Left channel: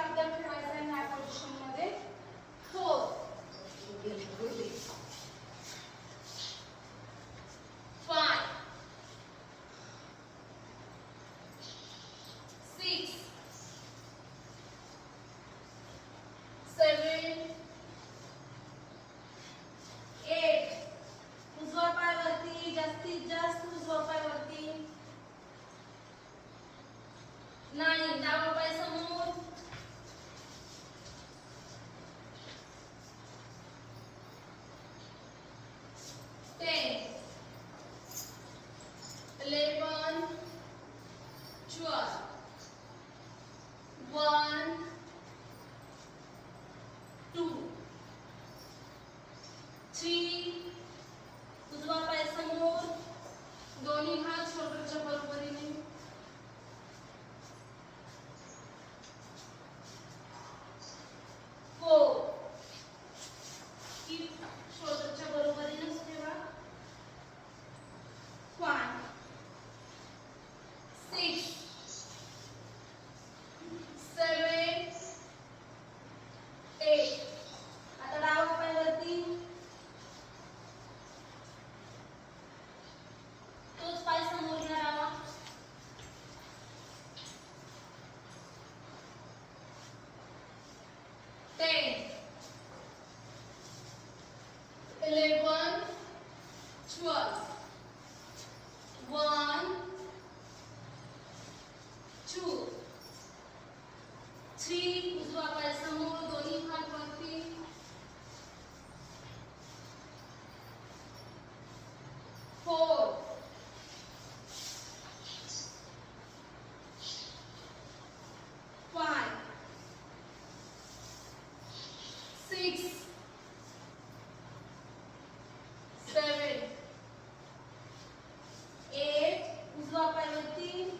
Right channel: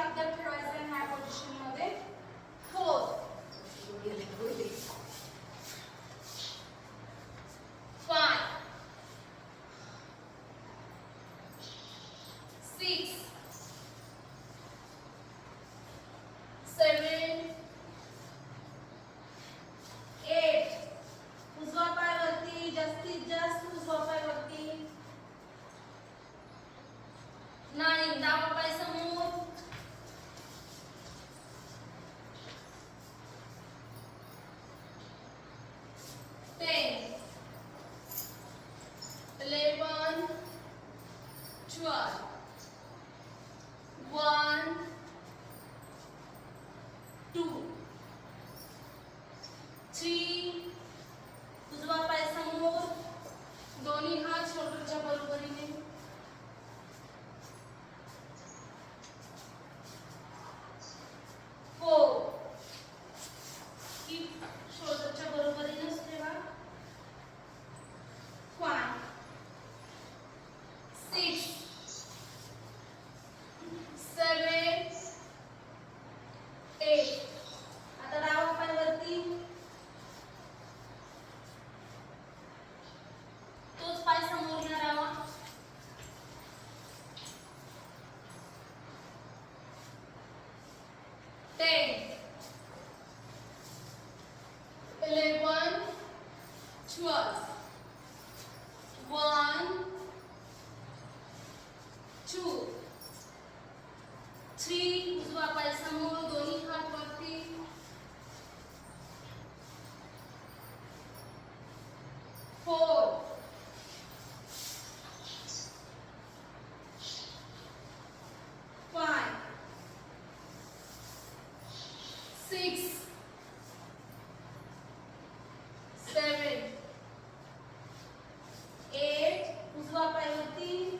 आपल्याला ठेवायचं आहे ह्या पोझिशनमध्ये. Four five six seven eight उजवा पाय वरती जास्तीत जास्त उजवा पाय वरती नाईन डावा पाय समोर ट्वेल्व वन टू थ्री उजवा पाय समोर दोन्ही हात शोल्डरच्या बरोबरीने फोर कीप शोल्डर बरोबरीनेच ठेवा फाय सिक्स सेवन एट आता डावा पाय वरती तोच पाय समोर घ्या डावा ten eleven twelve one two three उजवा पाय समोर दोन्ही हात वरती four. Five six. Seven. Eight. उजवा पाय वरती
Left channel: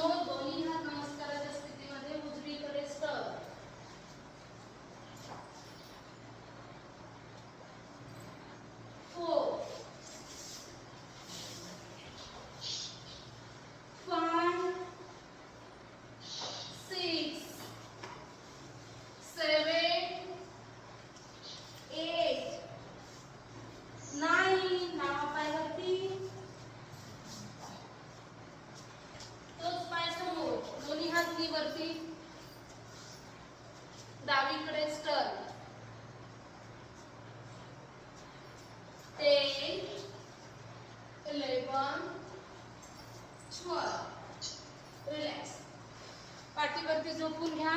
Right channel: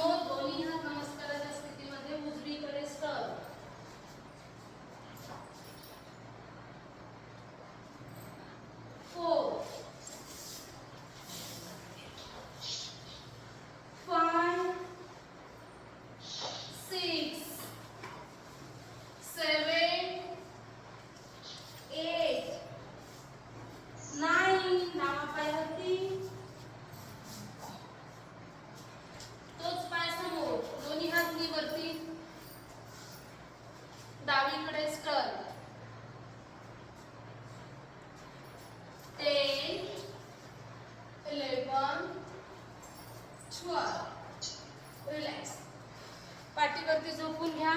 नावापायावरती तोच पाय समोर दोन्ही हातनी वरती डावीकडे स्टर ten, eleven, twelve. रिलॅक्स पाठीवरती झोपून घ्या.